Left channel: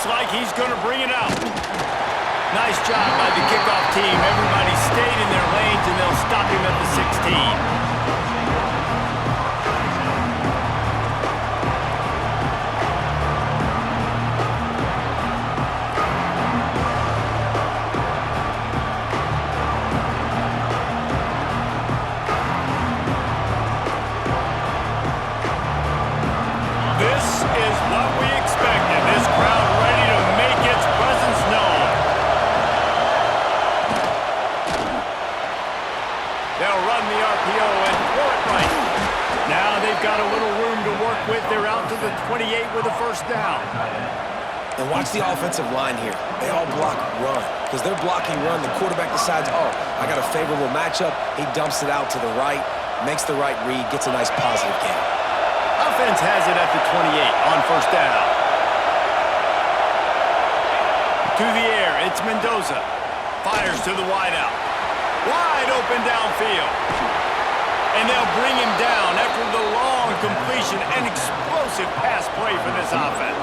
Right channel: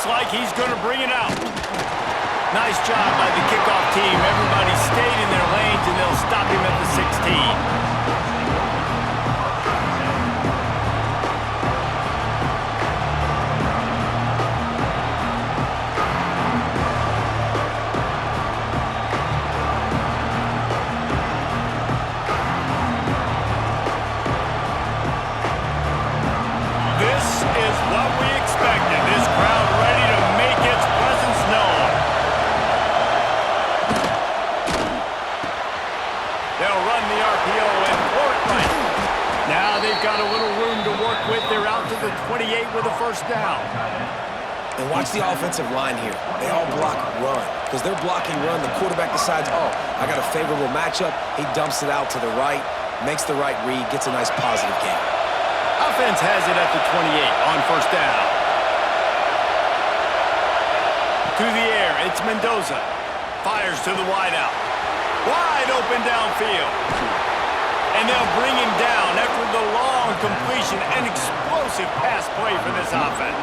looks like he's going to bring it out. Nice job by the kickoff team. Everybody stayed in their lanes, and they'll stop him at the 16. This is what we expected. This crowd ready to make its presence known. They'll run the RPO and throw it right. Now they've got a little room to work with. They're out to the 28 with a first down. And watch the offensive line here. They all block run. Because they're blocking run, the quarterback decides, oh, I got a favorable matchup. He dumps it out to the right, makes the right read, gets a nice positive gain. Offense has it at the 28 on first down. To the air, it's Mendoza. Fires to the wideout. Wide open downfield. And they'll bring him down after the long completion. An explosive pass play for this offense.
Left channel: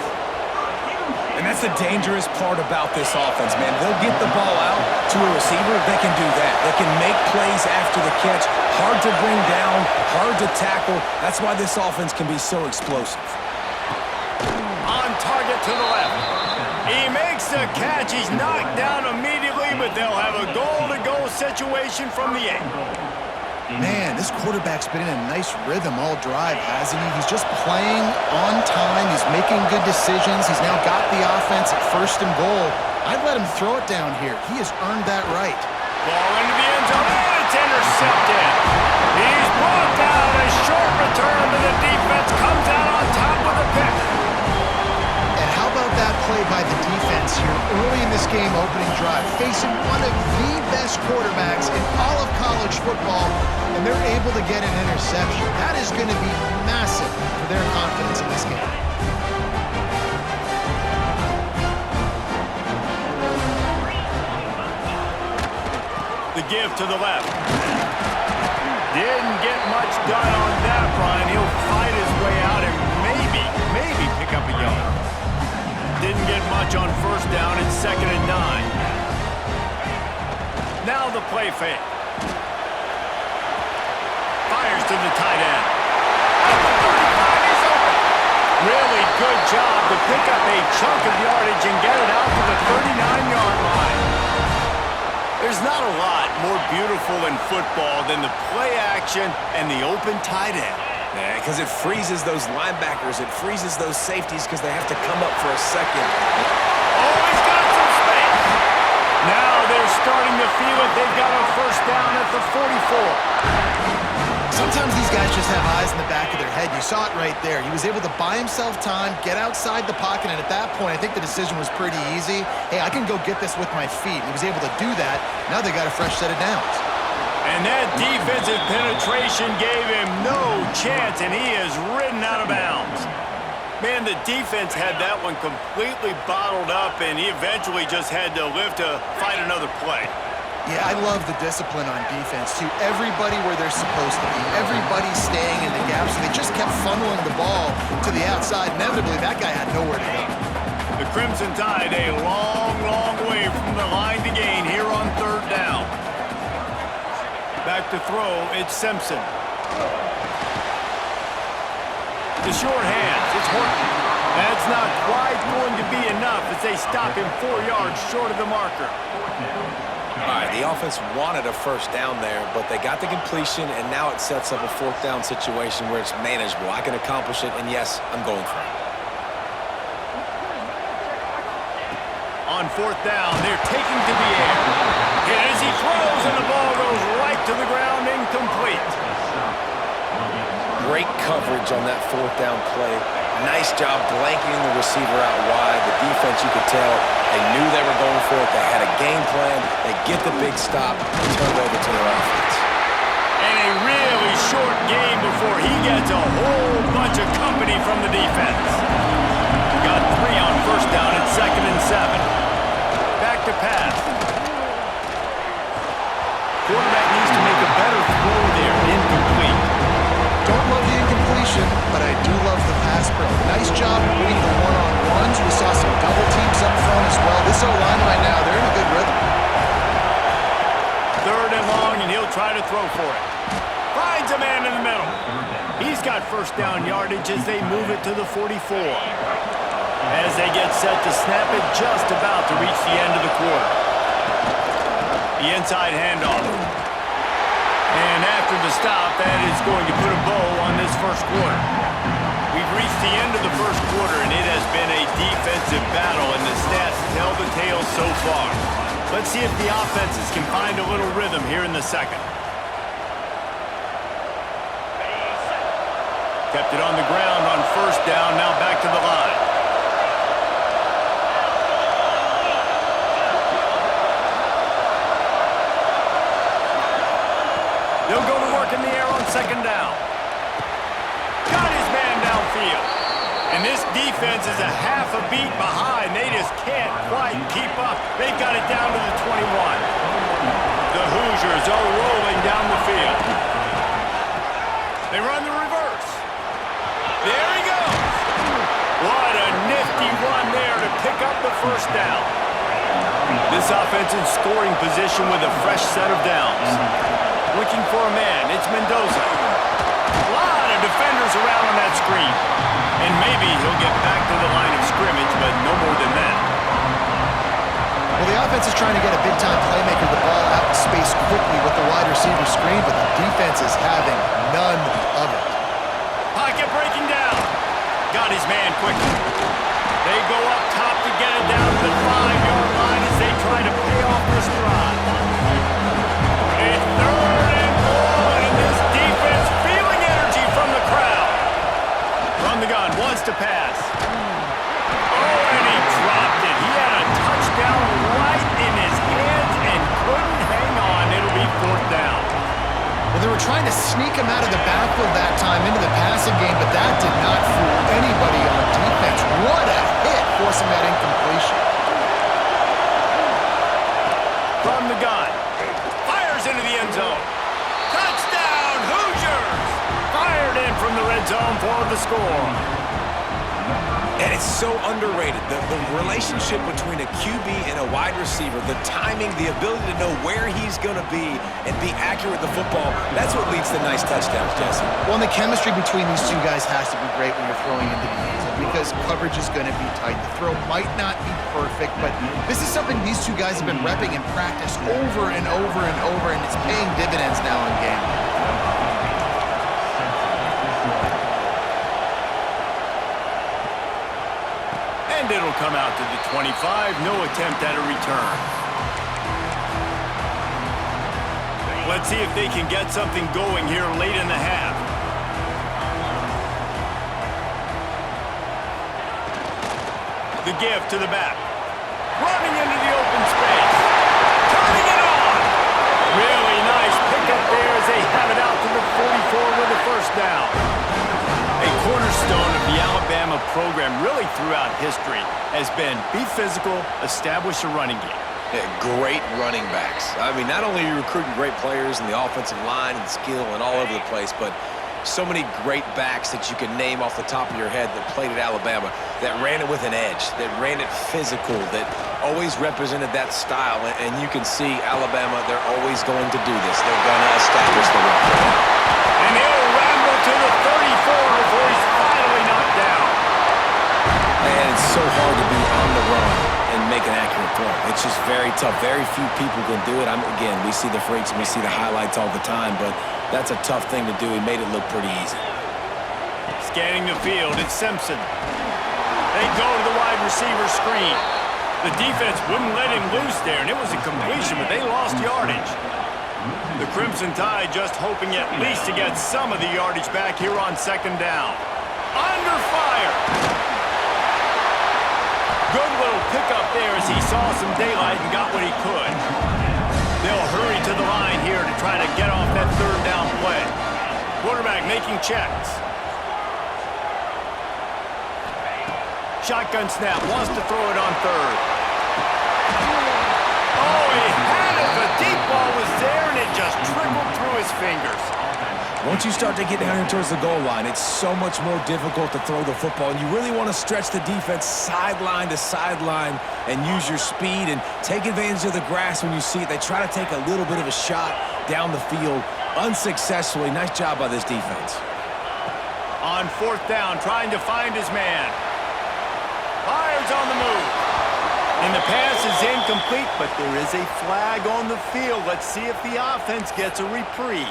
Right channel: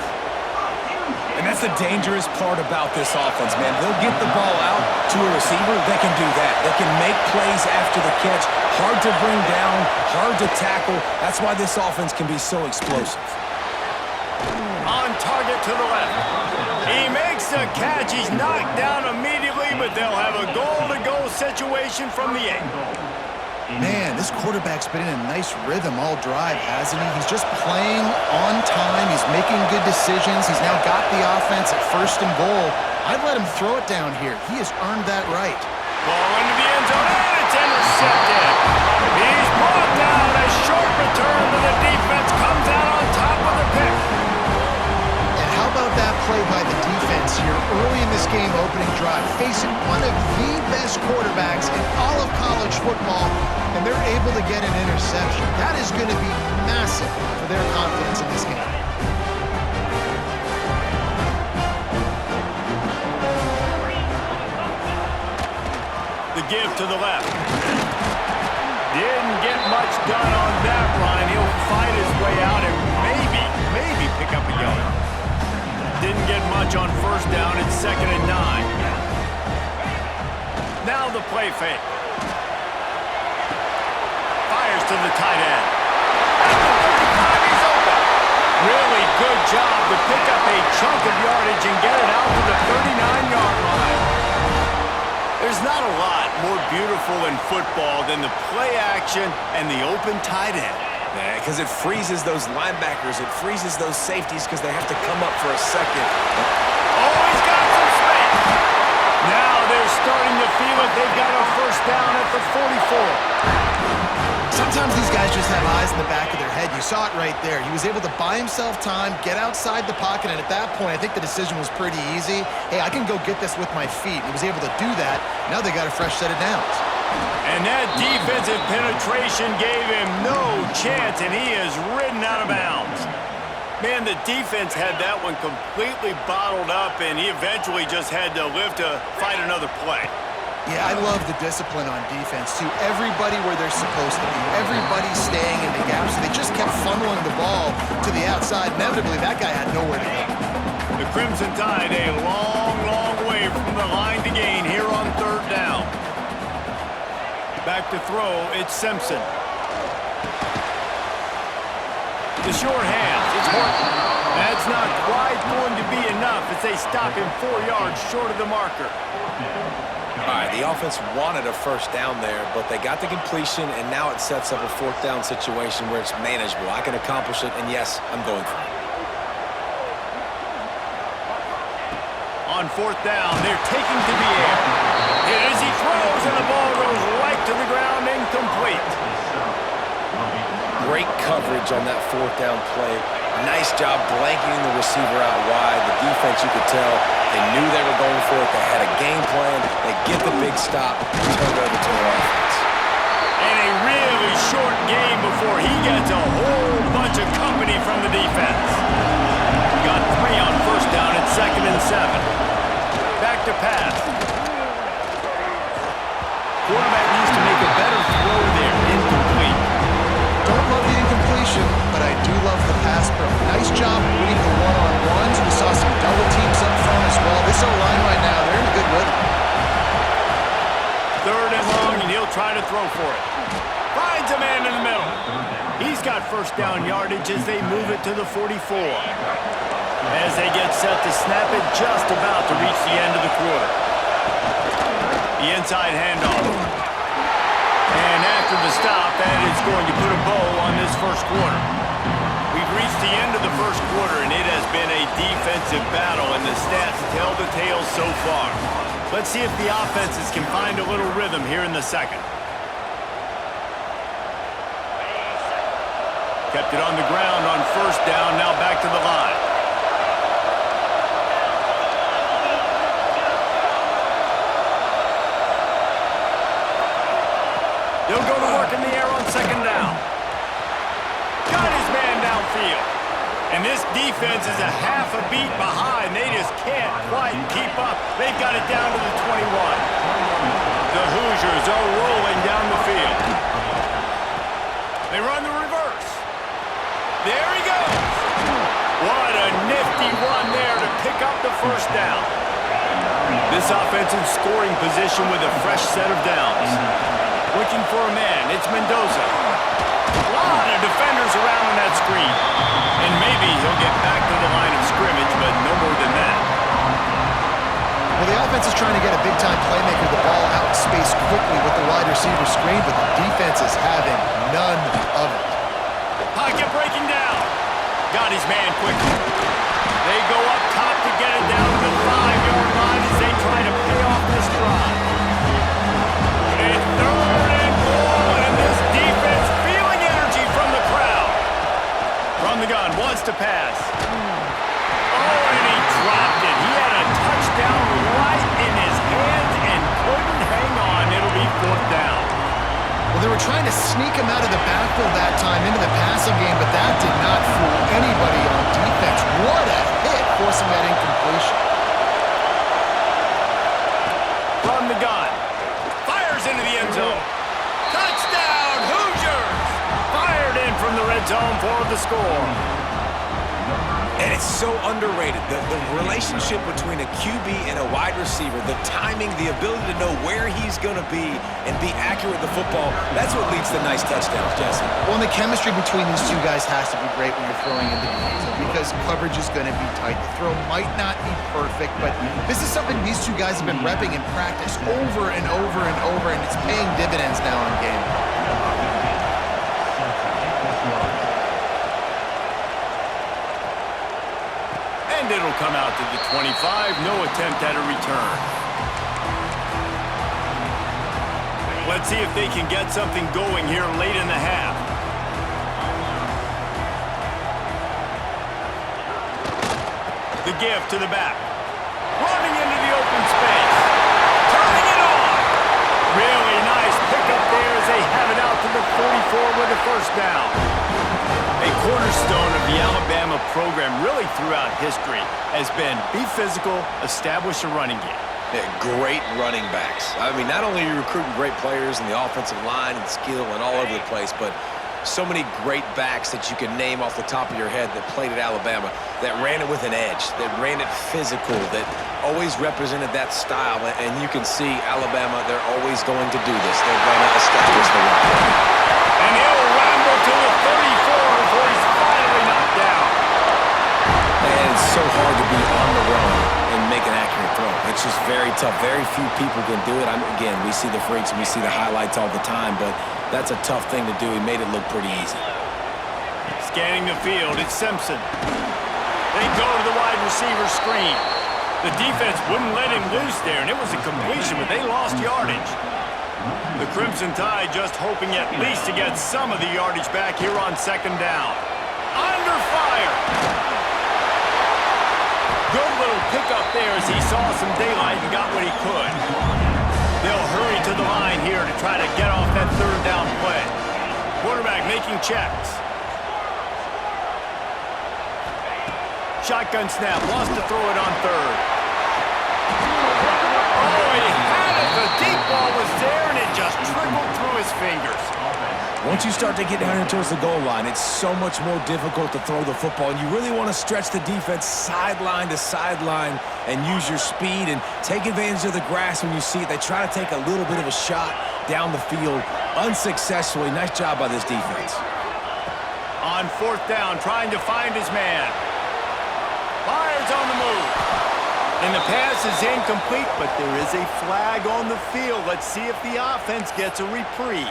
And that's the dangerous part about this offense, man. They'll get the ball out to a receiver. They can do that. They can make plays after the catch. Hard to bring down, hard to tackle. That's why this offense can be so explosive. On target to the left. He makes the catch. He's knocked down immediately, but they'll have a goal-to-goal situation from the 8. Man, this quarterback's been in a nice rhythm all drive, hasn't he? He's just playing on time. He's making good decisions. He's now got the offense at first and goal. I'd let him throw it down here. He has earned that right. Ball into the end zone, and it's intercepted. He's brought down. A short return to the defense. Comes out on top with a pick. And how about that play by the defense here early in this game opening drive, facing one of the best quarterbacks in all of college football, and they're able to get an interception. That is going to be massive for their confidence in this game. The give to the left. Didn't get much done on that run. He'll fight his way out and maybe pick up a yard. Didn't get much on first down. It's 2nd and 9. Now the play fake. Fires to the tight end. At the 35, he's open. Really good job to pick up a chunk of yardage and get it out to the 39-yard line. There's not a lot more beautiful in football than the play action and the open tight end. Because it freezes those linebackers. It freezes those safeties because they have to come up for a second. Oh, he's got some space. Now they're starting to feel it. They've got a first down at the 44. Sometimes these guys just have eyes in the back of their head. You saw it right there. He was able to buy himself time, get outside the pocket, and at that point, I think the decision was pretty easy. Hey, I can go get this with my feet. He was able to do that. Now they got a fresh set of downs. And that defensive penetration gave him no chance, and he is ridden out of bounds. Man, the defense had that one completely bottled up, and he eventually just had to live to fight another play. Yeah, I love the discipline on defense, too. Everybody where they're supposed to be. Everybody staying in the gaps. So they just kept funneling the ball to the outside. Inevitably, that guy had nowhere to go. The Crimson Tide a long, long way from the line to gain here on third down. Back to throw, it's Simpson. The short hands, it's Horton. That's not quite going to be enough as they stop him 4 yards short of the marker. All right, the offense wanted a first down there, but they got the completion, and now it sets up a 4th down situation where it's manageable. I can accomplish it, and yes, I'm going for it. On 4th down, they're taking to the air. Hit as he throws, and the ball goes right to the ground, incomplete. Great coverage on that 4th down play. Nice job blanketing the receiver out wide. The defense, you could tell, they knew they were going for it. They had a game plan. They get the big stop and turn it over to their offense. And a really short game before he gets a whole bunch of company from the defense. Got 3 on first down at 2nd and 7. Back to pass. Quarterback needs to make a better throw there. Incomplete. Don't love the incompletion, but I do love the pass pro. Nice job reading the one-on-ones. We saw some double teams up front as well. This O-line right now, they're in a good rhythm. 3rd and long, and he'll try to throw for it. Finds a man in the middle. He's got first down yardage as they move it to the 44. As they get set to snap it, just about to reach the end of the quarter. The inside handoff. And after the stop, that is going to put a bow on this first quarter. We've reached the end of the first quarter, and it has been a defensive battle, and the stats tell the tale so far. Let's see if the offenses can find a little rhythm here in the second. Kept it on the ground on first down, now back to the line. They'll go to work in the air on second down. Got his man downfield. And this defense is a half a beat behind. They just can't quite keep up. They've got it down to the 21. The Hoosiers are rolling down the field. They run the reverse. There he goes. What a nifty run there to pick up the first down. This offense in scoring position with a fresh set of downs. Looking for a man, it's Mendoza. A lot of defenders around on that screen. And maybe he'll get back to the line of scrimmage, but no more than that. Well, the offense is trying to get a big-time playmaker the ball out in space quickly with the wide receiver screen, but the defense is having none of it. Pocket breaking down. Got his man quickly. They go up top to get it down to the 5-yard line as they try to pay off this drive. It's 3rd and goal, and this defense feeling energy from the crowd. From the gun, wants to pass. Oh, and he dropped it. He had a touchdown right in his hands and couldn't hang on. It'll be 4th down. Well, they were trying to sneak him out of the backfield that time into the passing game, but that did not fool anybody on defense. What a hit, forcing that incompletion. From the gun. Into the end zone. Touchdown, Hoosiers! Fired in from the red zone for the score. And it's so underrated. The relationship between a QB and a wide receiver, the timing, the ability to know where he's going to be and be accurate with the football, that's what leads to nice touchdowns, Jesse. Well, and the chemistry between these two guys has to be great when you're throwing into the end zone because coverage is going to be tight. The throw might not be perfect, but this is something these two guys have been repping in practice over and over and over, and it's paying dividends now in game. And it'll come out to the 25. No attempt at a return. Let's see if they can get something going here late in the half. The give to the back. Running into the open space. Turning it on. Really nice pickup there as they have it out to the 44 with a first down. A cornerstone of the Alabama program really throughout history has been be physical, establish a running game. Yeah, great running backs. I mean, not only are you recruiting great players in the offensive line and skill and all over the place, but so many great backs that you can name off the top of your head that played at Alabama, that ran it with an edge, that ran it physical, that always represented that style. And you can see Alabama, they're always going to do this. They're going to establish the run. And he'll ramble to the 34 before he's finally knocked down. And it's so hard to be on the run and make an accurate throw. It's just very tough. Very few people can do it. Again, we see the freaks and we see the highlights all the time, but that's a tough thing to do. He made it look pretty easy. Scanning the field, it's Simpson. They go to the wide receiver screen. The defense wouldn't let him loose there, and it was a completion, but they lost yardage. The Crimson Tide just hoping at least to get some of the yardage back here on second down. Under fire. Good little pickup there as he saw some daylight and got what he could. They'll hurry to the line here to try to get off that third down play. Quarterback making checks. Shotgun snap, wants to throw it on third. Oh, he had it. The deep ball was there, and it just just trickled through his fingers. Once you start to get down here towards the goal line, it's so much more difficult to throw the football, and you really want to stretch the defense sideline to sideline and use your speed and take advantage of the grass when you see it. They try to take a little bit of a shot down the field unsuccessfully. Nice job by this defense. On fourth down, trying to find his man. Fires on the move. And the pass is incomplete, but there is a flag on the field. Let's see if the offense gets a reprieve.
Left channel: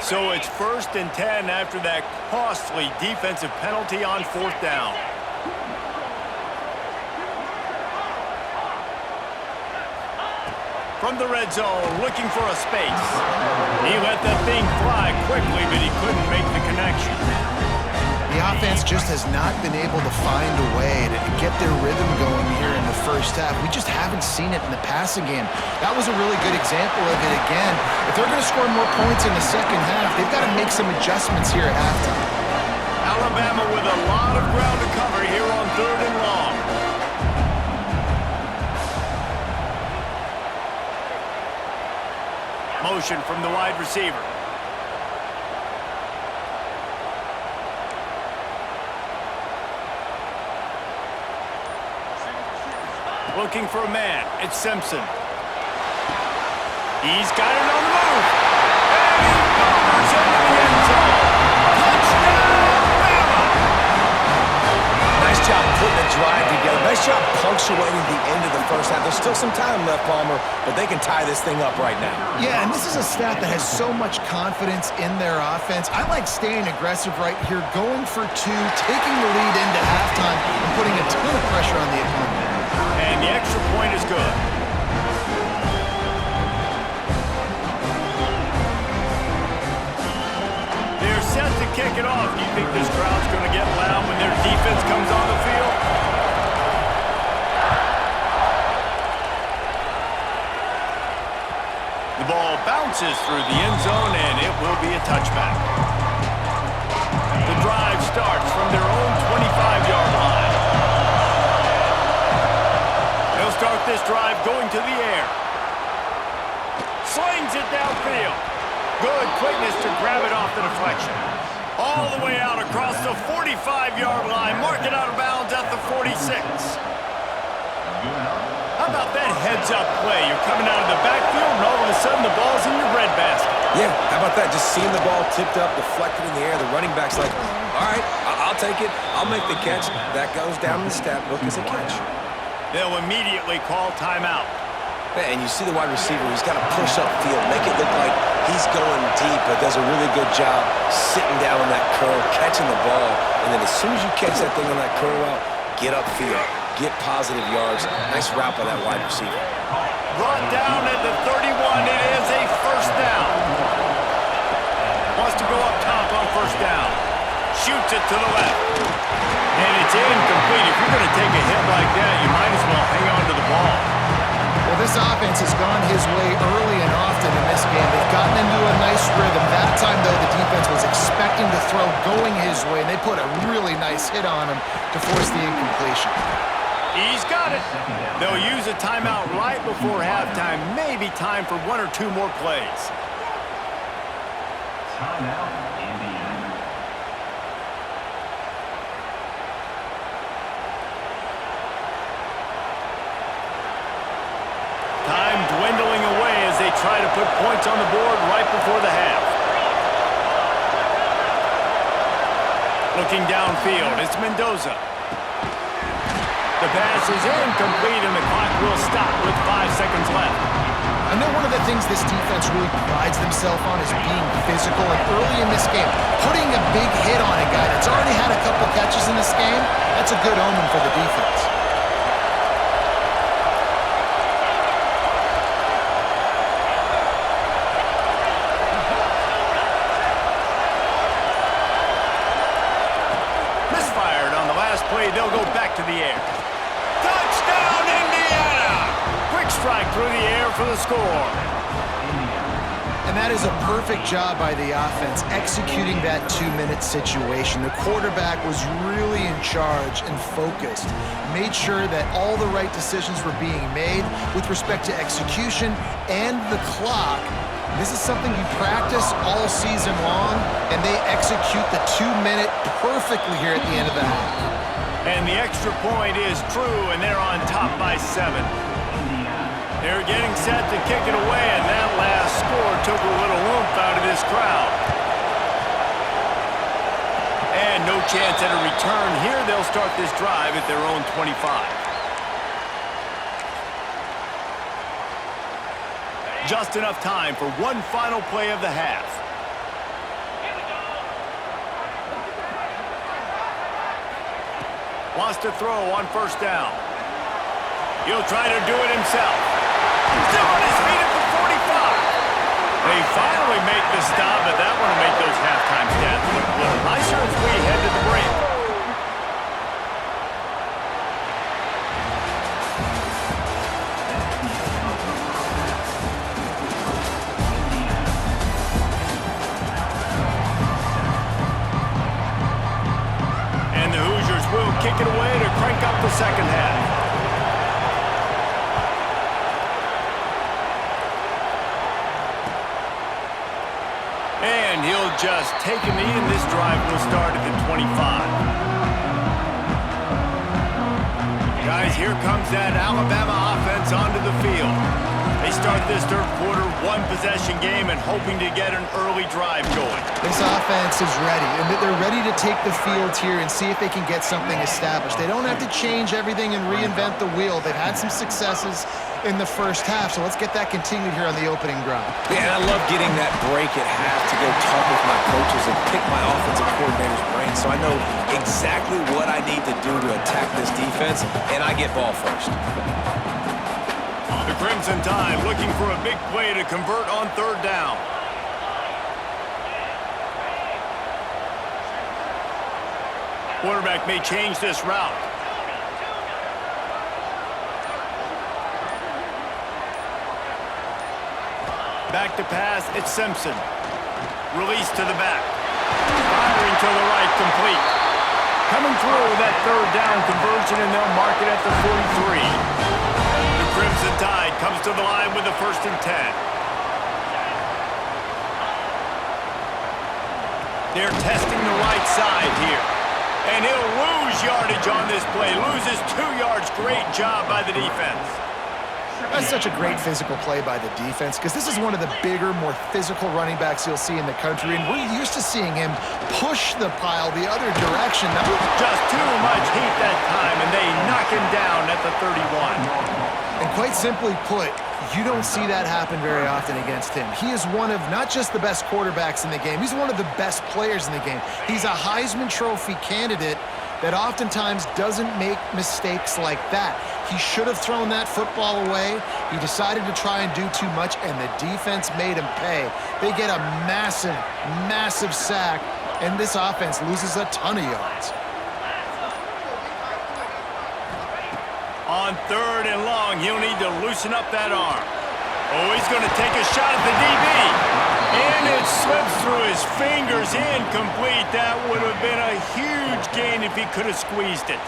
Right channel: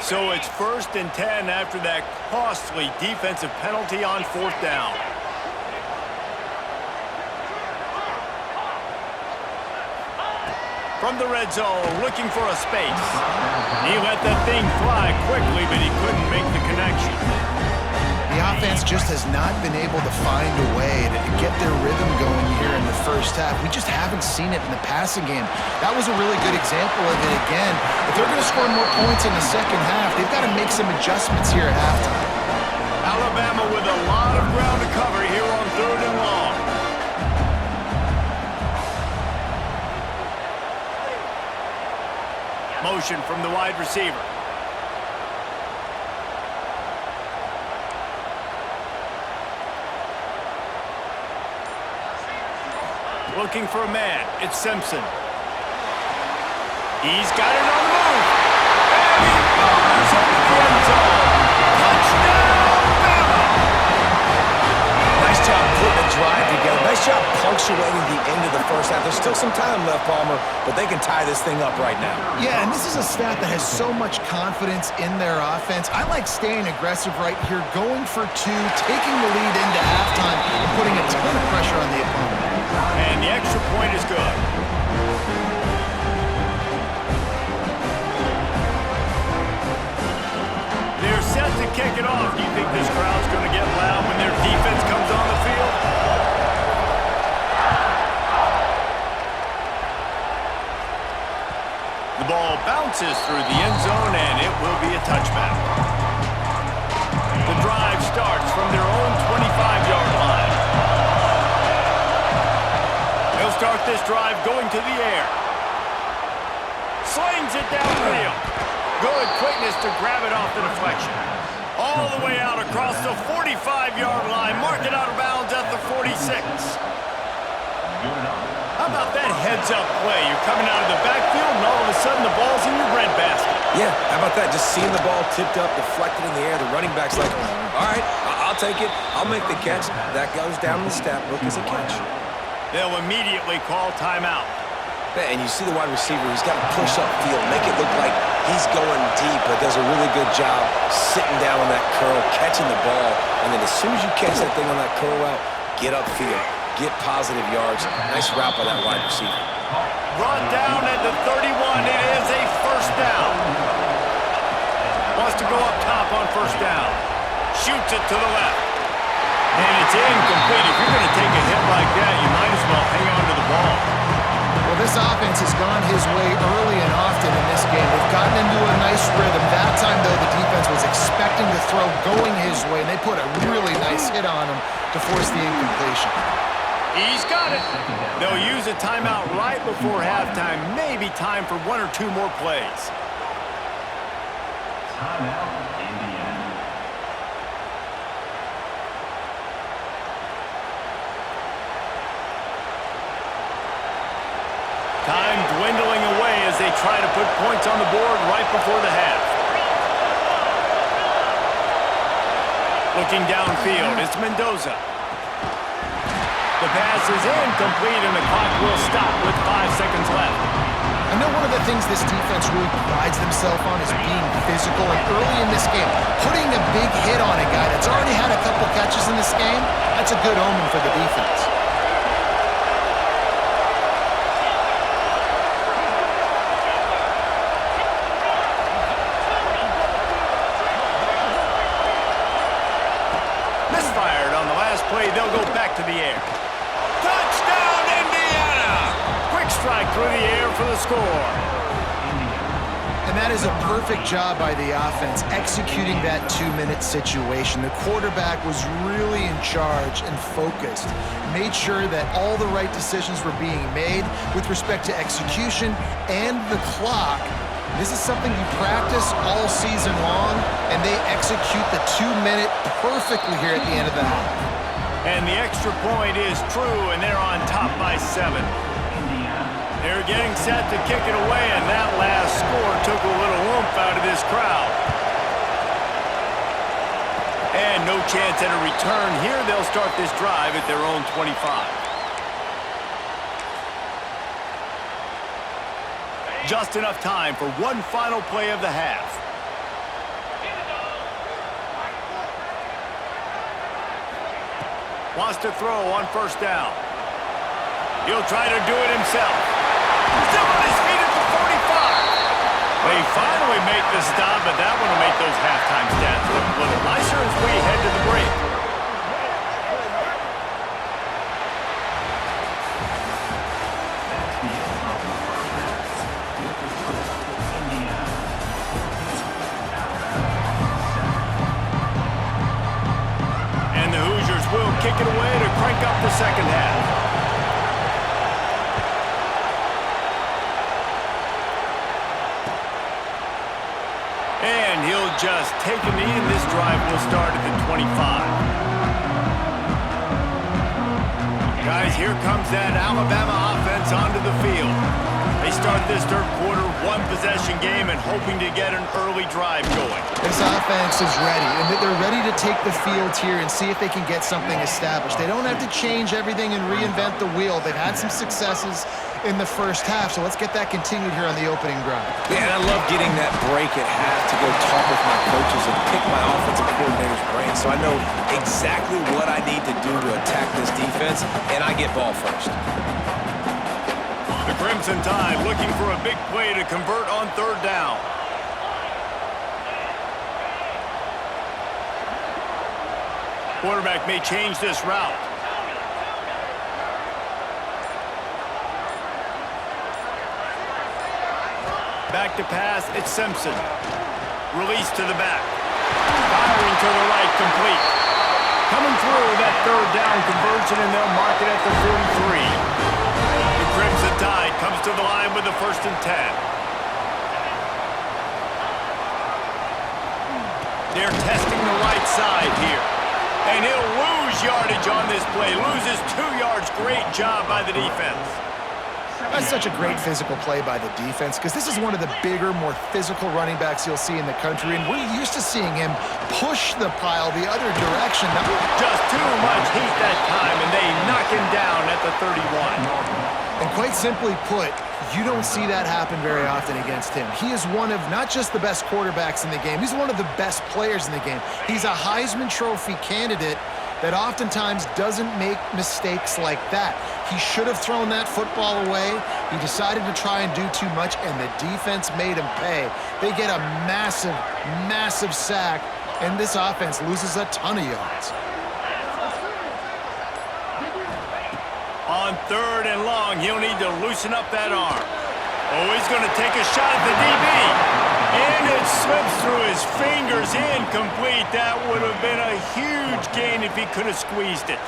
So it's 1st and 10 after that costly defensive penalty on fourth down. From the red zone, looking for a space. He let that thing fly quickly, but he couldn't make the connection. The offense just has not been able to find a way to get their rhythm going here in the first half. We just haven't seen it in the passing game. That was a really good example of it again. If they're going to score more points in the second half, they've got to make some adjustments here at halftime. Alabama with a lot of ground to cover here on 3rd and long. Motion from the wide receiver. Looking for a man. It's Simpson. He's got it on the move. And he motors into the end zone. Touchdown, Bama! Nice job putting a drive together. Nice job punctuating the end of the first half. There's still some time left, Palmer, but they can tie this thing up right now. Yeah, and this is a staff that has so much confidence in their offense. I like staying aggressive right here, going for two, taking the lead into halftime, and putting a ton of pressure on the opponent. And the extra point is good. They're set to kick it off. Do you think this crowd's going to get loud when their defense comes on the field? The ball bounces through the end zone, and it will be a touchback. The drive starts from their own 25-yard line. They'll start this drive going to the air. Slings it downfield. Good quickness to grab it off the deflection. All the way out across the 45-yard line. Mark it out of bounds at the 46. How about that heads-up play? You're coming out of the backfield, and all of a sudden the ball's in your bread basket. Yeah, how about that? Just seeing the ball tipped up, deflected in the air. The running back's like, all right, I'll take it. I'll make the catch. That goes down in the stat book as a catch. They'll immediately call timeout. And you see the wide receiver, he's got to push upfield, make it look like he's going deep, but does a really good job sitting down on that curl, catching the ball, and then as soon as you catch that thing on that curl route, get upfield, get positive yards. Nice route by that wide receiver. Brought down at the 31, it is a first down. Wants to go up top on first down. Shoots it to the left. And it's incomplete. If you're going to take a hit like that, you might as well hang on to the ball. Well, this offense has gone his way early and often in this game. They've gotten into a nice rhythm. That time, though, the defense was expecting the throw going his way, and they put a really nice hit on him to force the incompletion. He's got it. They'll use a timeout right before halftime. Maybe time for one or two more plays. Timeout, Indiana. Time dwindling away as they try to put points on the board right before the half. Looking downfield, it's Mendoza. The pass is incomplete and the clock will stop with 5 seconds left. I know one of the things this defense really prides themselves on is being physical, and early in this game, putting a big hit on a guy that's already had a couple catches in this game, that's a good omen for the defense. Misfired on the last play, they'll go back to the air. Touchdown, Indiana! Quick strike through the air for the score. And that is a perfect job by the offense, executing that 2-minute situation. The quarterback was really in charge and focused, made sure that all the right decisions were being made with respect to execution and the clock. This is something you practice all season long, and they execute the 2-minute perfectly here at the end of the half. And the extra point is true, and they're on top by 7. They're getting set to kick it away, and that last score took a little oomph out of this crowd. And no chance at a return here. They'll start this drive at their own 25. Just enough time for one final play of the half. Wants to throw on first down. He'll try to do it himself. Still on his feet at the 45. They finally make the stop, but that one will make those halftime stats look a little nicer as we head to the break. And the Hoosiers will kick it away to crank up the second half. And he'll just take a knee, and this drive will start at the 25. Guys, here comes that Alabama offense onto the field. They start this third quarter one-possession game and hoping to get an early drive going. This offense is ready, and they're ready to take the field here and see if they can get something established. They don't have to change everything and reinvent the wheel. They've had some successes in the first half, so let's get that continued here on the opening drive. Yeah, and I love getting that break at half to go talk with my coaches and pick my offensive coordinator's brain so I know exactly what I need to do to attack this defense, and I get ball first. The Crimson Tide looking for a big play to convert on third down. Quarterback may change this route. Back to pass, it's Simpson. Release to the back. Firing to the right, complete. Coming through that third down conversion, and they'll mark it at the 43. The Crimson Tide comes to the line with the 1st and 10. They're testing the right side here. And he'll lose yardage on this play. Loses 2 yards. Great job by the defense. That's such a great physical play by the defense because this is one of the bigger, more physical running backs you'll see in the country, and we're used to seeing him push the pile the other direction. Just too much heat that time, and they knock him down at the 31. And quite simply put, you don't see that happen very often against him. He is one of not just the best quarterbacks in the game, he's one of the best players in the game. He's a Heisman Trophy candidate that oftentimes doesn't make mistakes like that. He should have thrown that football away. He decided to try and do too much, and the defense made him pay. They get a massive, massive sack, and this offense loses a ton of yards. On third and long, he'll need to loosen up that arm. Oh, he's going to take a shot at the DB. And it slips through his fingers, incomplete. That would have been a huge gain if he could have squeezed it.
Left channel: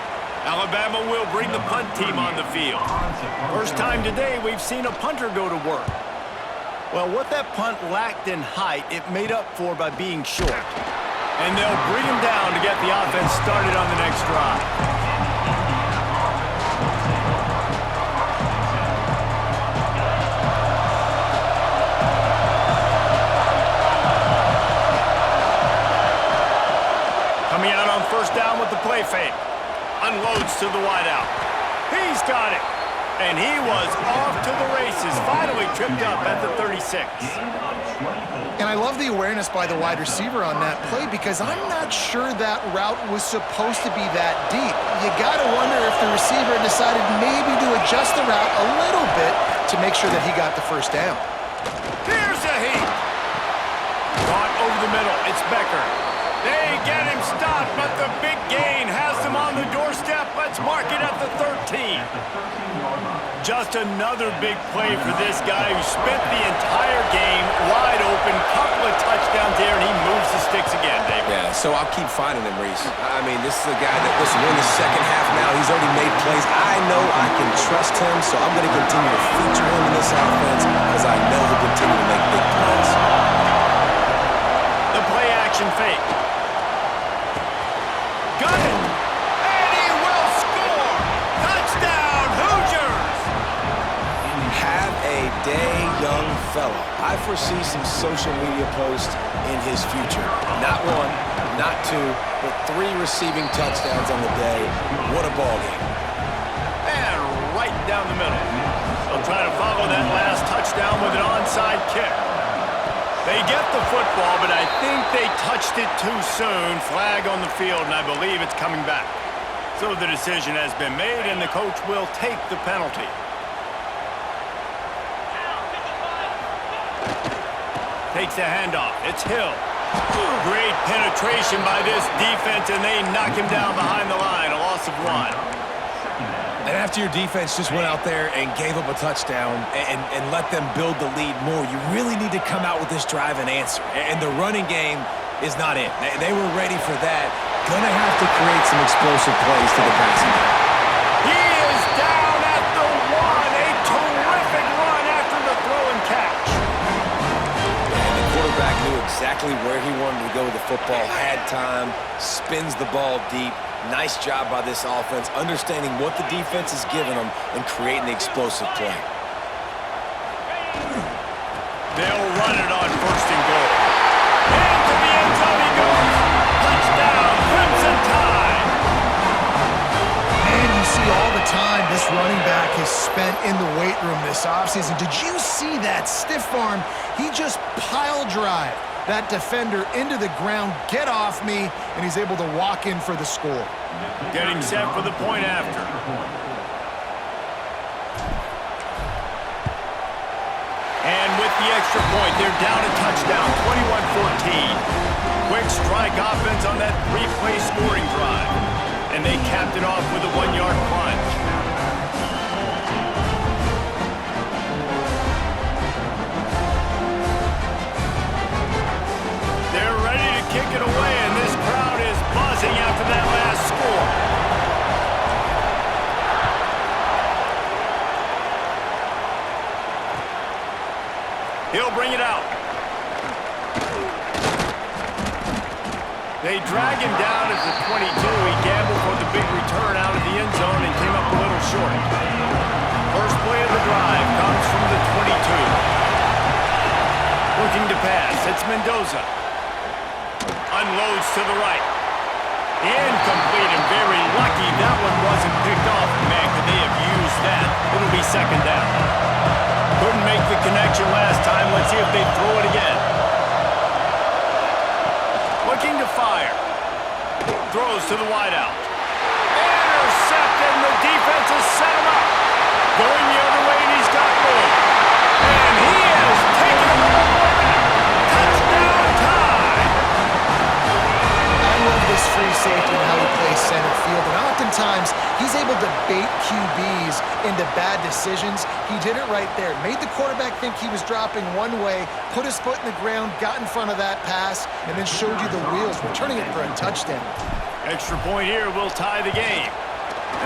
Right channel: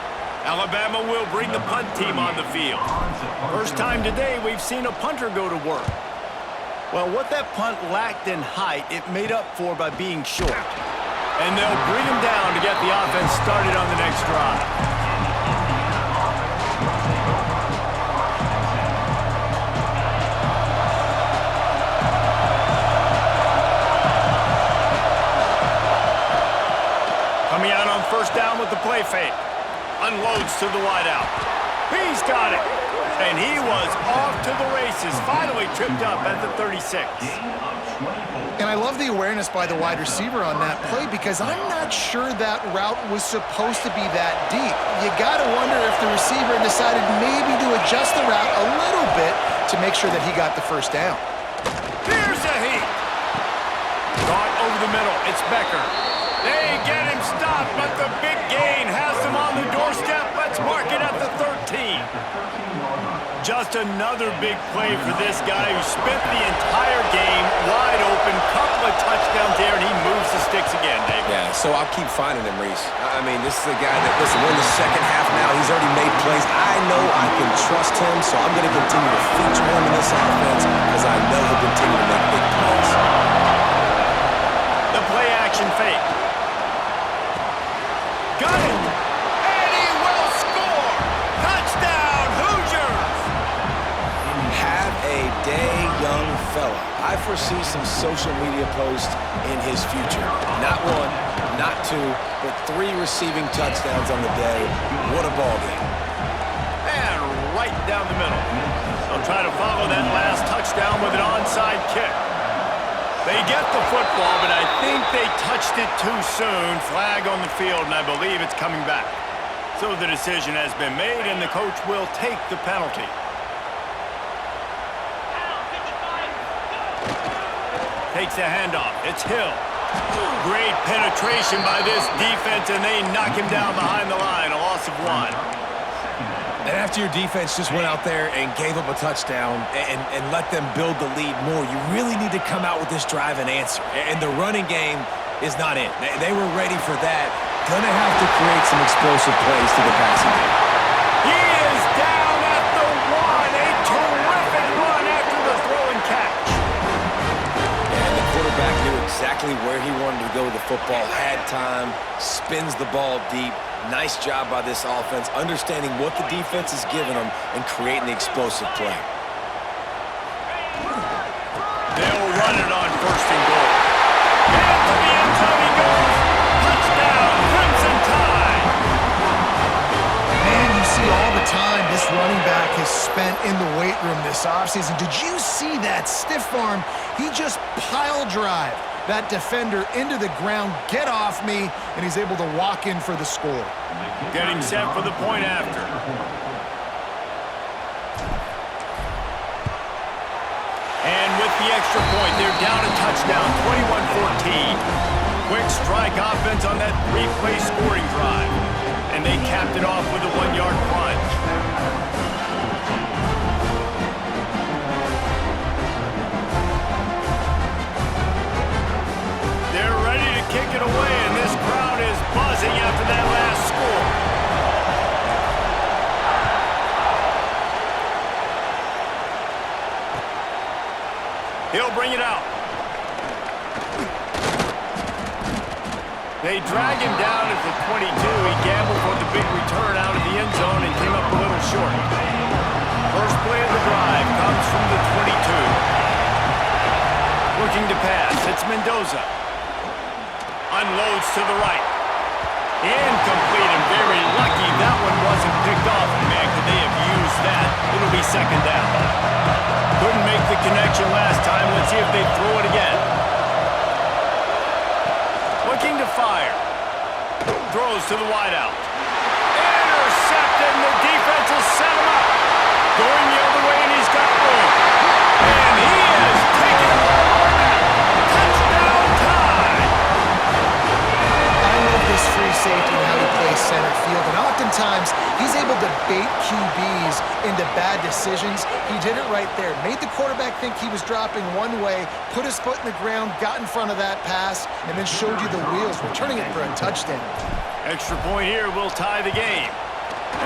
Alabama will bring the punt team on the field. First time today we've seen a punter go to work. Well, what that punt lacked in height, it made up for by being short. And they'll bring him down to get the offense started on the next drive. Coming out on first down with the play fake. Unloads to the wideout. He's got it. And he was off to the races. Finally tripped up at the 36. And I love the awareness by the wide receiver on that play because I'm not sure that route was supposed to be that deep. You got to wonder if the receiver decided maybe to adjust the route a little bit to make sure that he got the first down. Here's a heat. Caught over the middle. It's Becker. They get him stopped, but the big gain has him on the doorstep. Let's mark it at the 13. Just another big play for this guy who spent the entire game wide open. Couple of touchdowns there, and he moves the sticks again, David. Yeah, so I'll keep finding him, Reese. I mean, this is a guy that, listen, we're in the second half now. He's already made plays. I know I can trust him, so I'm going to continue to feature him in this offense because I know he'll continue to make big plays. The play action fake. Got it. And he will score. Touchdown, Hoosiers. Have a day, young fella. I foresee some social media posts in his future. Not one, not two, but 3 receiving touchdowns on the day. What a ball game. And right down the middle. They'll try to follow that last touchdown with an onside kick. They get the football, but I think they touched it too soon. Flag on the field, and I believe it's coming back. So the decision has been made, and the coach will take the penalty. Takes the handoff. It's Hill. Great penetration by this defense, and they knock him down behind the line. A loss of 1. And after your defense just went out there and gave up a touchdown and let them build the lead more, you really need to come out with this drive and answer. And the running game is not in. They were ready for that. Gonna have to create some explosive plays to the passing game. He is down at the 1. A terrific run after the throw and catch. And the quarterback knew exactly where he wanted to go with the football, had time, spins the ball deep. Nice job by this offense, understanding what the defense is giving them and creating the explosive play. They'll run it on 1st and goal. Into the end zone he goes. Touchdown, Crimson Tide. Man, you see all the time this running back has spent in the weight room this offseason. Did you see that stiff arm? He just pile drive that defender into the ground, get off me, and he's able to walk in for the score. Getting set for the point after. And with the extra point, they're down a touchdown, 21-14. Quick strike offense on that 3-play scoring drive. And they capped it off with a 1-yard plunge. They're ready to kick it away, and this crowd is buzzing after that last score. He'll bring it out. They drag him down at the 22. He gambled for the big return out of the end zone and came up a little short. First play of the drive comes from the 22. Looking to pass. It's Mendoza. Unloads to the right. Incomplete, and very lucky that one wasn't picked off. And man, could they have used that? It'll be 2nd down. Couldn't make the connection last time. Let's see if they throw it again. Looking to fire. Throws to the wideout. Intercepted, and the defense has set him up. Going the other way, and he's got room. And he has taken it all the way back. Touchdown Tide! I love this free safety and how he plays center field, and oftentimes he's able to bait QBs into bad decisions. He did it right there. Made the quarterback think he was dropping one way, put his foot in the ground, got in front of that pass, and then showed you the wheels, returning it for a touchdown. Extra point here will tie the game.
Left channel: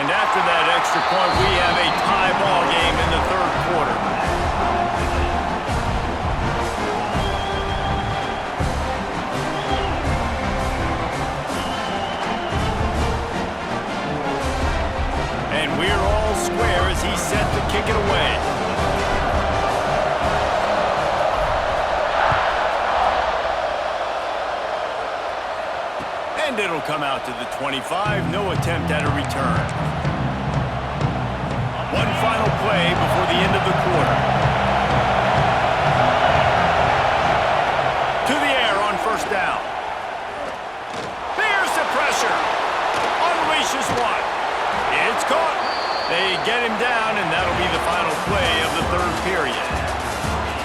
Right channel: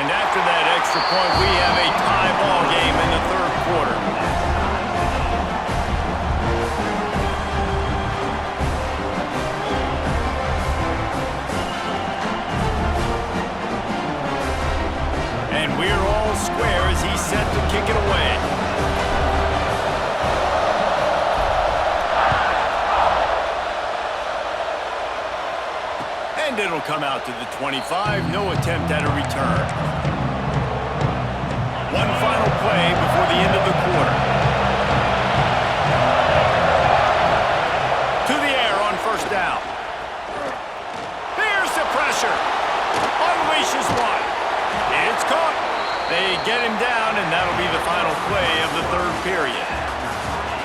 And after that extra point, we have a tie ball game in the 3rd quarter. And we're all square as he's set to kick it away. And it'll come out to the 25. No attempt at a return. One final play before the end of the quarter. To the air on 1st down. There's the pressure. Unleashes one. It's caught. They get him down, and that'll be the final play of the 3rd period.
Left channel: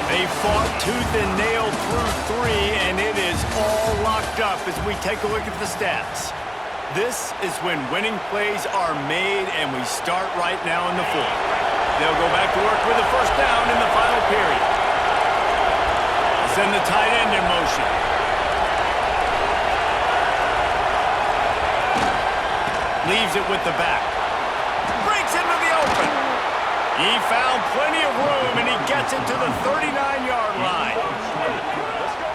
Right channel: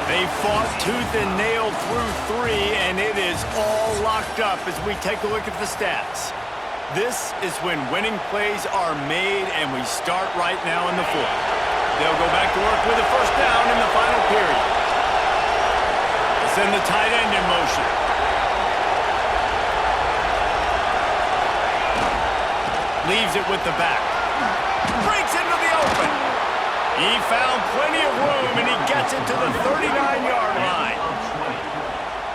They fought tooth and nail through 3, and it is all locked up as we take a look at the stats. This is when winning plays are made, and we start right now in the 4th. They'll go back to work with a first down in the final period. Send the tight end in motion. Leaves it with the back. Breaks into the open. He found plenty of room, and he gets it to the 39-yard line.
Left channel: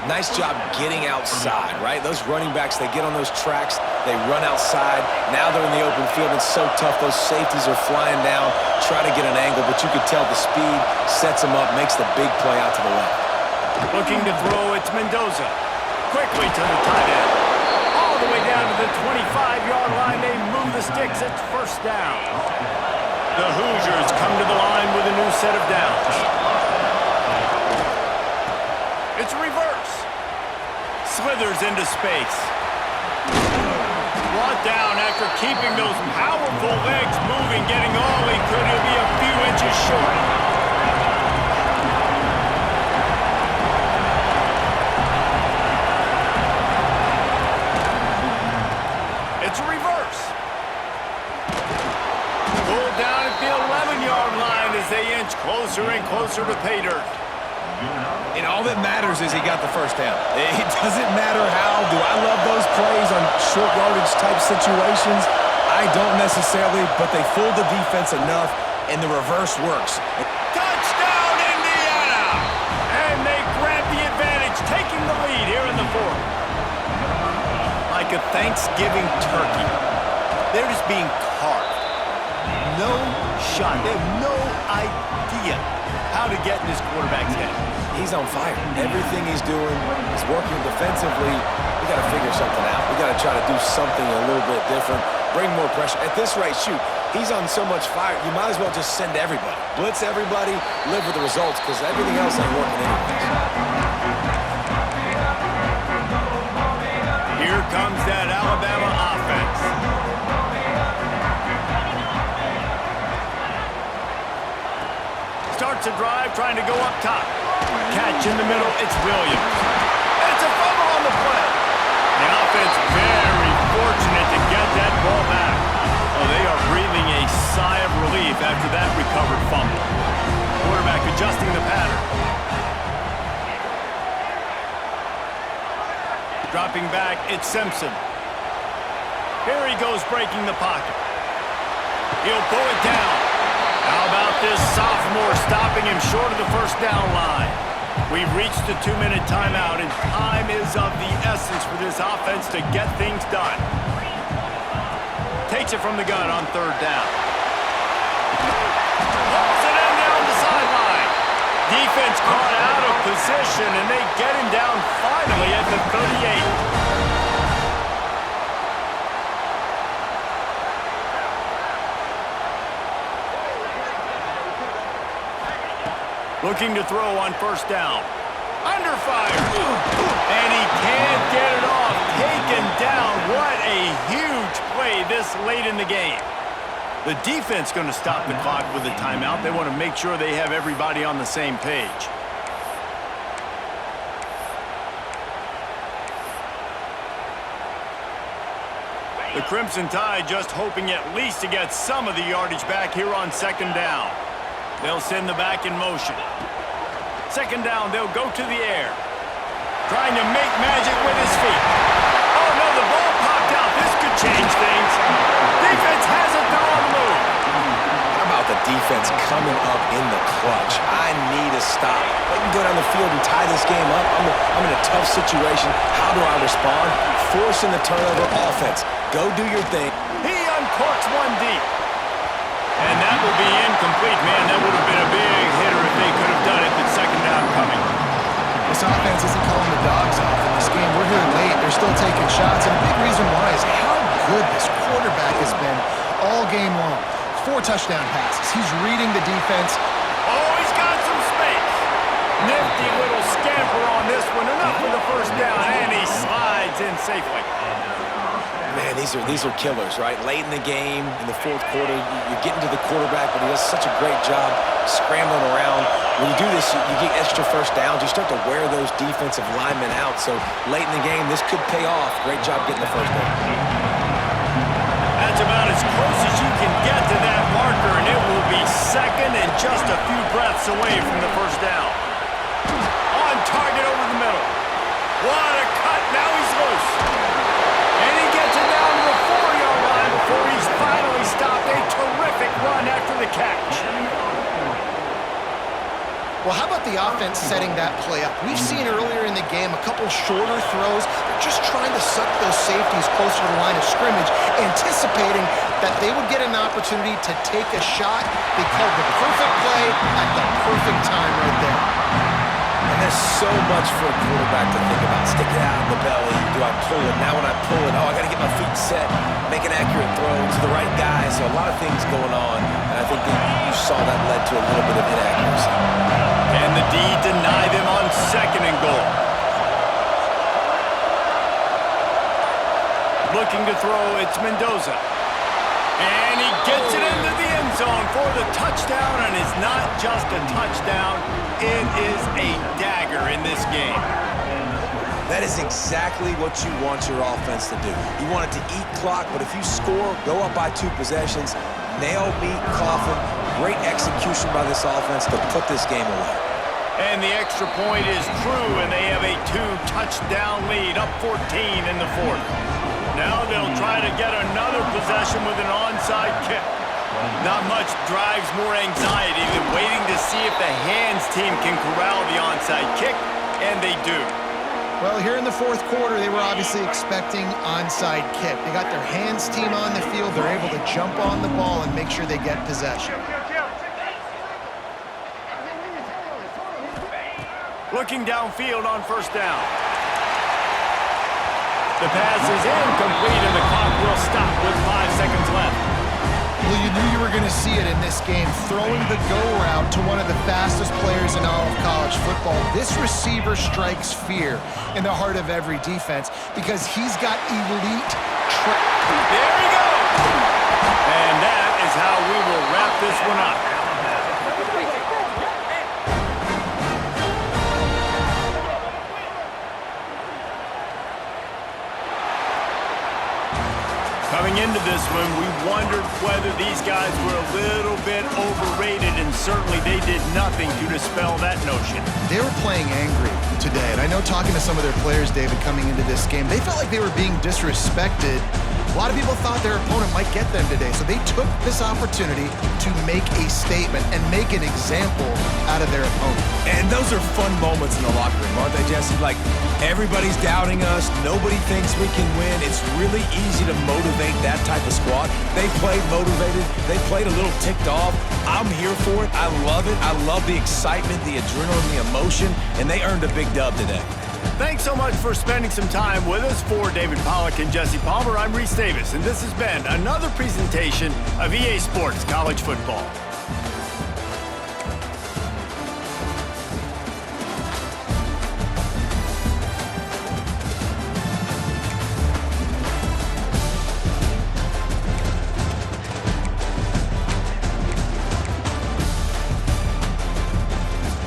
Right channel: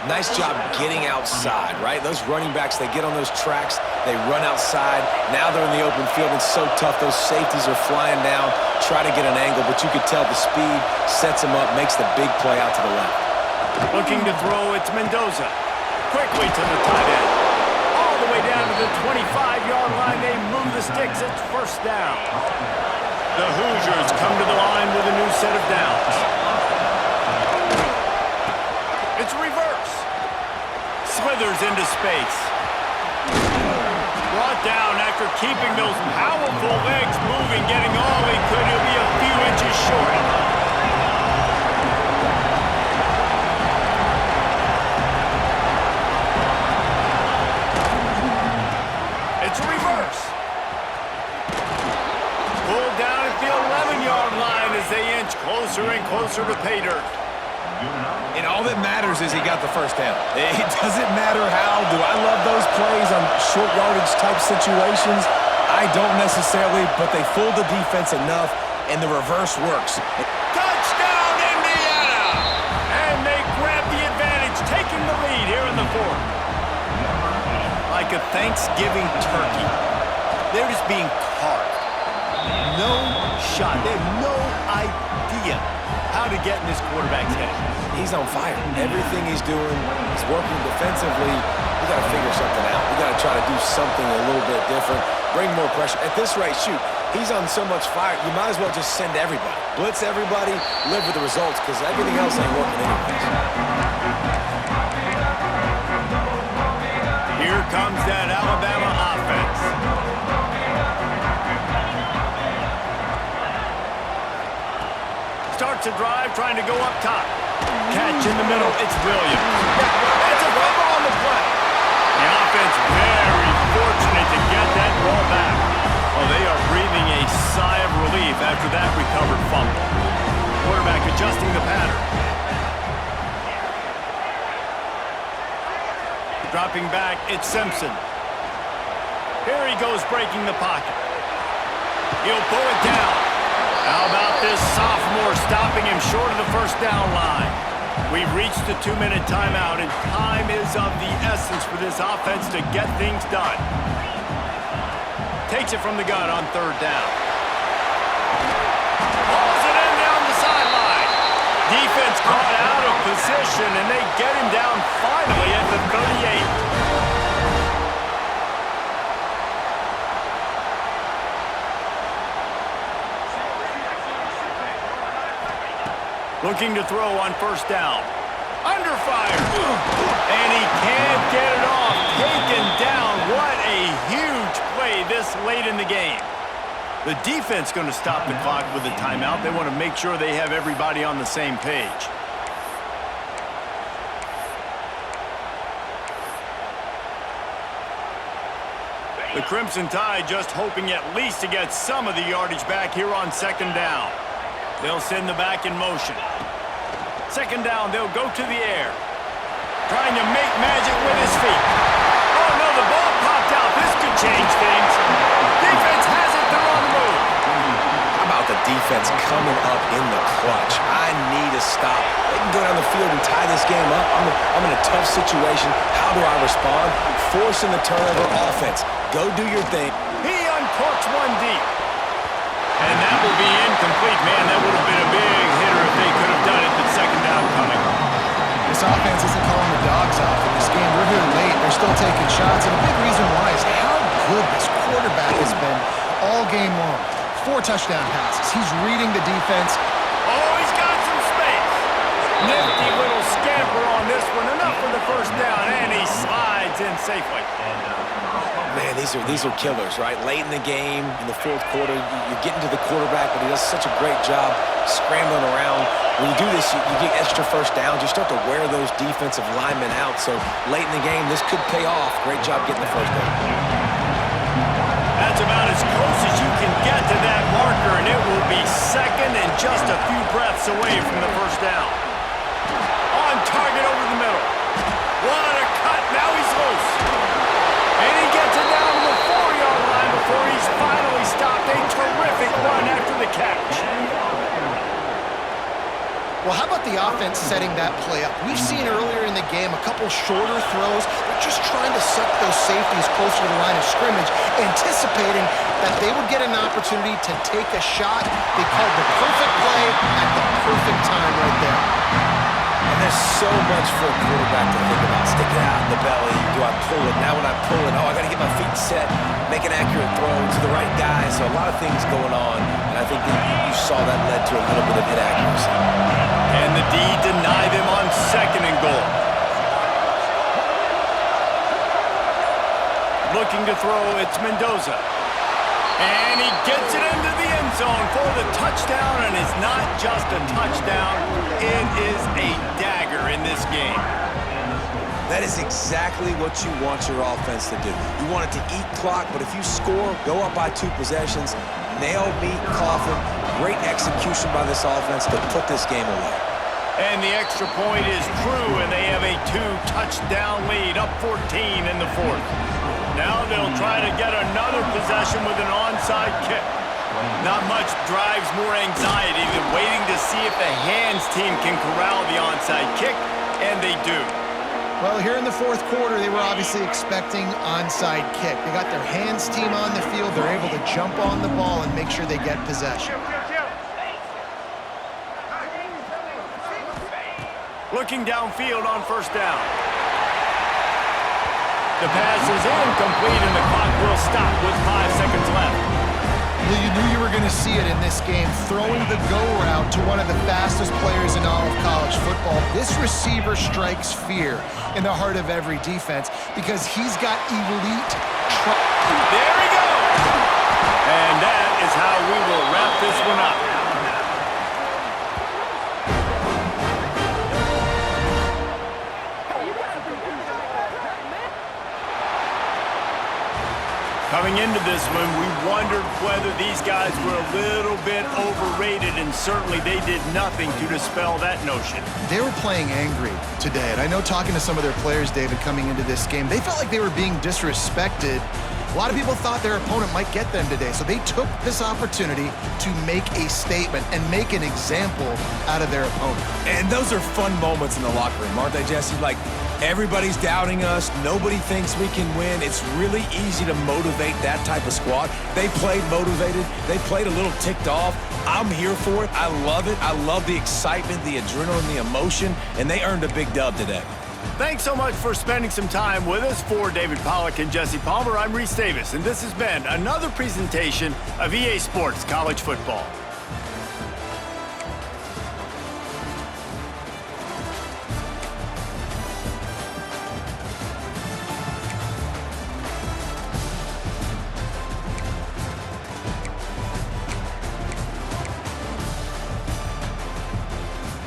Nice job getting outside, right? Those running backs, they get on those tracks, they run outside. Now they're in the open field. It's so tough. Those safeties are flying down, try to get an angle, but you could tell the speed sets them up, makes the big play out to the left. Looking to throw, it's Mendoza. Quickly to the tight end. All the way down to the 25-yard line. They move the sticks. It's first down. The Hoosiers come to the line with a new set of downs. It's reverse. Slithers into space. Brought down after keeping those powerful legs moving, getting all he could. He'll be a few inches short. It's a reverse. Pulled down at the 11-yard line as they inch closer and closer to pay dirt. And all that matters is he got the first down. It doesn't matter how. Do I love those plays on short yardage type situations? I don't necessarily, but they fooled the defense enough, and the reverse works. Touchdown, Indiana! And they grab the advantage, taking the lead here in the fourth. Like a Thanksgiving turkey, they're just being carved. No shot. They have no idea how to get in this quarterback's head. He's on fire. Everything he's doing is working defensively. We got to figure something out. We got to try to do something a little bit different, bring more pressure. At this rate, shoot, he's on so much fire, you might as well just send everybody. Blitz everybody, live with the results, because everything else ain't working anyways. Here comes that Alabama offense. Starts a drive, trying to go up top. Catch in the middle, it's Williams. It's a fumble on the play. The offense very fortunate to get that ball back. Oh, they are breathing a sigh of relief after that recovered fumble. Quarterback adjusting the pattern. Dropping back, it's Simpson. Here he goes breaking the pocket. He'll pull it down. How about this sophomore stopping him short of the first down line? We've reached the 2-minute timeout, and time is of the essence for this offense to get things done. Takes it from the gun on third down. Pulls it in down the sideline. Defense caught out of position, and they get him down finally at the 38. Looking to throw on first down. Under fire. And he can't get it off. Taken down. What a huge play this late in the game. The defense going to stop the clock with a timeout. They want to make sure they have everybody on the same page. The Crimson Tide just hoping at least to get some of the yardage back here on second down. They'll send the back in motion. Second down, they'll go to the air. Trying to make magic with his feet. Oh, no, the ball popped out. This could change things. Defense has it. They're on the move. How about the defense coming up in the clutch? I need a stop. They can go down the field and tie this game up. I'm in a tough situation. How do I respond? Forcing the turnover offense. Go do your thing. He uncorks one deep. And that will be incomplete. Man, that would have been a big hitter if they could have done it. The second down coming. This offense isn't calling the dogs off in this game. We're here late. They're still taking shots. And a big reason why is how good this quarterback has been all game long. 4 touchdown passes. He's reading the defense. Oh, he's got some space. Nifty little scamper on this one. Enough for the first down. And he slides in safely. Man, these are killers, right? Late in the game, in the fourth quarter, you're getting to the quarterback, but he does such a great job scrambling around. When you do this, you get extra first downs. You start to wear those defensive linemen out. So late in the game, this could pay off. Great job getting the first down. At It's about as close as you can get to that marker, and it will be second and just a few breaths away from the first down. On target over the middle. What a cut. Now he's loose. And he gets it down to the 4-yard line before he's finally stopped. A terrific run after the catch. Well, how about the offense setting that play up? We've seen earlier in the game a couple shorter throws. They're just trying to suck those safeties closer to the line of scrimmage, anticipating that they would get an opportunity to take a shot. They called the perfect play at the perfect time right there. And there's so much for a quarterback to think about. Stick it out in the belly. Do I pull it? Now when I pull it, I got to get my feet set, make an accurate throw to the right guy. So a lot of things going on, and I think that you saw that led to a little bit of inaccuracy. And the D denied him on 2nd and goal. Looking to throw, it's Mendoza. And he gets it into the end zone for the touchdown, and it's not just a touchdown, it is a dagger in this game. That is exactly what you want your offense to do. You want it to eat clock, but if you score, go up by 2 possessions, nail, meet, coffin, great execution by this offense to put this game away. And the extra point is true, and they have a 2-touchdown lead, up 14 in the 4th. Now they'll try to get another possession with an onside kick. Not much drives more anxiety than waiting to see if the hands team can corral the onside kick, and they do. Well, here in the 4th quarter, they were obviously expecting onside kick. They got their hands team on the field. They're able to jump on the ball and make sure they get possession. Looking downfield on 1st down. The pass is incomplete, and the clock will stop with 5 seconds left. Well, you knew you were going to see it in this game, throwing the go route to one of the fastest players in all of college football. This receiver strikes fear in the heart of every defense because he's got elite There he goes! And that is how we will wrap this one up. Coming into this one, we wondered whether these guys were a little bit overrated, and certainly they did nothing to dispel that notion. They were playing angry today, and I know talking to some of their players, David, coming into this game, they felt like they were being disrespected. A lot of people thought their opponent might get them today, so they took this opportunity to make a statement and make an example out of their opponent. And those are fun moments in the locker room, aren't they, Jesse? Like, everybody's doubting us. Nobody thinks we can win. It's really easy to motivate that type of squad. They played motivated. They played a little ticked off. I'm here for it. I love it. I love the excitement, the adrenaline, the emotion, and they earned a big dub today. Thanks so much for spending some time with us. For David Pollack and Jesse Palmer, I'm Reese Davis, and this has been another presentation of EA Sports College Football.